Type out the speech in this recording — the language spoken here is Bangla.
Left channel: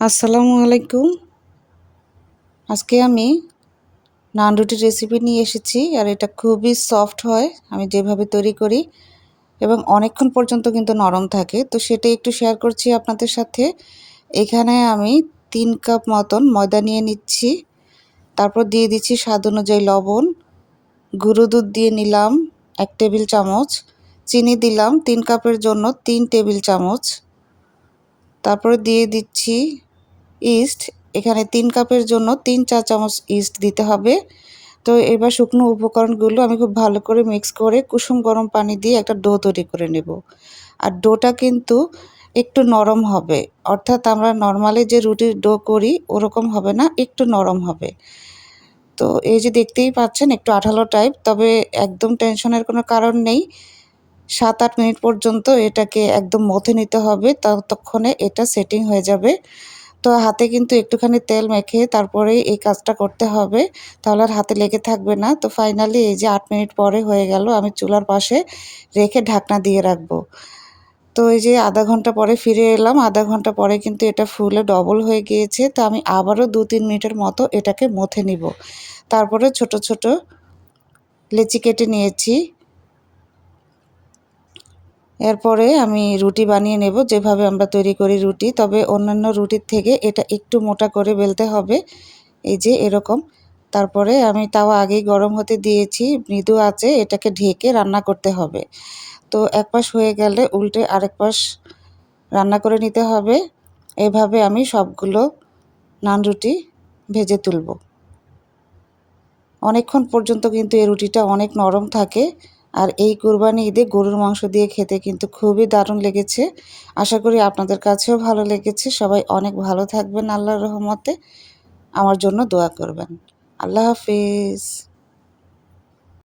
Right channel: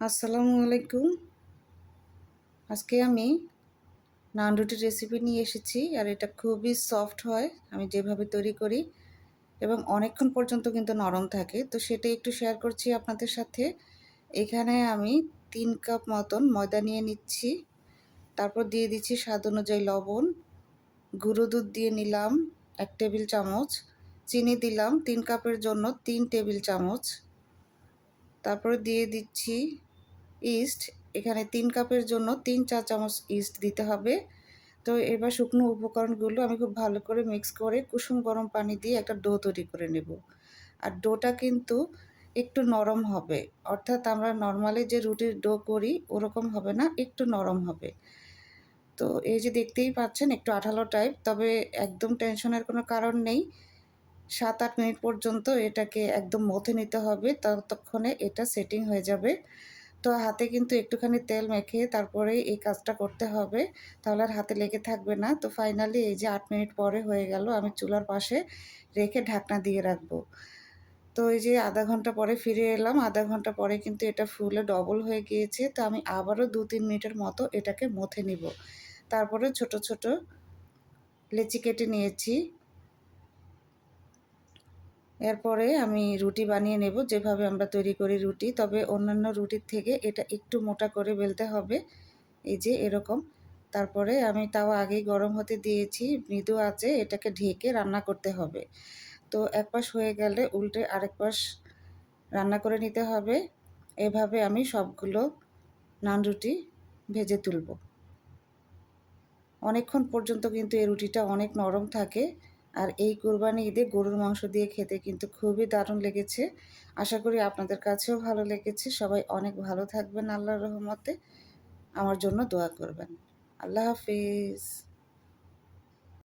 আসসালামু আলাইকুম। আজকে আমি নান রুটির রেসিপি নিয়ে এসেছি আর এটা খুবই সফট হয় আমি যেভাবে তৈরি করি এবং অনেকক্ষণ পর্যন্ত কিন্তু নরম থাকে, তো সেটাই একটু শেয়ার করছি আপনাদের সাথে। এখানে আমি 3 কাপ মতন ময়দা নিয়ে নিচ্ছি, তারপর দিয়ে দিচ্ছি স্বাদ অনুযায়ী লবণ, গুঁড়ো দুধ দিয়ে নিলাম 1 টেবিল চামচ, চিনি দিলাম 3 কাপের জন্য 3 টেবিল চামচ, তারপরে দিয়ে দিচ্ছি ইস্ট। এখানে 3 কাপের জন্য 3-4 চামচ ইস্ট দিতে হবে। তো এবার শুকনো উপকরণগুলো আমি খুব ভালো করে মিক্স করে কুসুম গরম পানি দিয়ে একটা ডো তৈরি করে নেব। আর ডোটা কিন্তু একটু নরম হবে, অর্থাৎ আমরা নরমালি যে রুটির ডো করি ওরকম হবে না, একটু নরম হবে। তো এই যে দেখতেই পাচ্ছেন একটু আঠালো টাইপ, তবে একদম টেনশনের কোনো কারণ নেই। 7-8 মিনিট পর্যন্ত এটাকে একদম মথে নিতে হবে, ততক্ষণে এটা সেটিং হয়ে যাবে। তো হাতে কিন্তু একটুখানি তেল মেখে তারপরে এই কাজটা করতে হবে, তাহলে আর হাতে লেগে থাকবে না। তো ফাইনালি এই যে 8 মিনিট পরে হয়ে গেল, আমি চুলার পাশে রেখে ঢাকনা দিয়ে রাখবো। তো এই যে আধা ঘন্টা পরে ফিরে এলাম, আধা ঘন্টা পরে কিন্তু এটা ফুলে ডবল হয়ে গিয়েছে। তো আমি আবারও 2-3 মিনিটের মতো এটাকে মথে নিব। তারপরে ছোট ছোট লেচি কেটে নিয়েছি। এরপরে আমি রুটি বানিয়ে নেব যেভাবে আমরা তৈরি করি রুটি, তবে অন্যান্য রুটির থেকে এটা একটু মোটা করে বেলতে হবে, এই যে এরকম। তারপরে আমি তাওয়া আগেই গরম হতে দিয়েছি, মৃদু আঁচে এটাকে ঢেকে রান্না করতে হবে। তো এক পাশ হয়ে গেলে উল্টে আরেক পাশ রান্না করে নিতে হবে। এভাবে আমি সবগুলো নান রুটি ভেজে তুলব। অনেকক্ষণ পর্যন্ত কিন্তু এই রুটিটা অনেক নরম থাকে। আর এই কুরবানি ঈদে গরুর মাংস দিয়ে খেতে কিন্তু খুবই দারুণ লেগেছে। আশা করি আপনাদের কাছেও ভালো লেগেছে। সবাই অনেক ভালো থাকবেন আল্লাহর রহমতে। আমার জন্য দোয়া করবেন। আল্লাহ হাফিজ।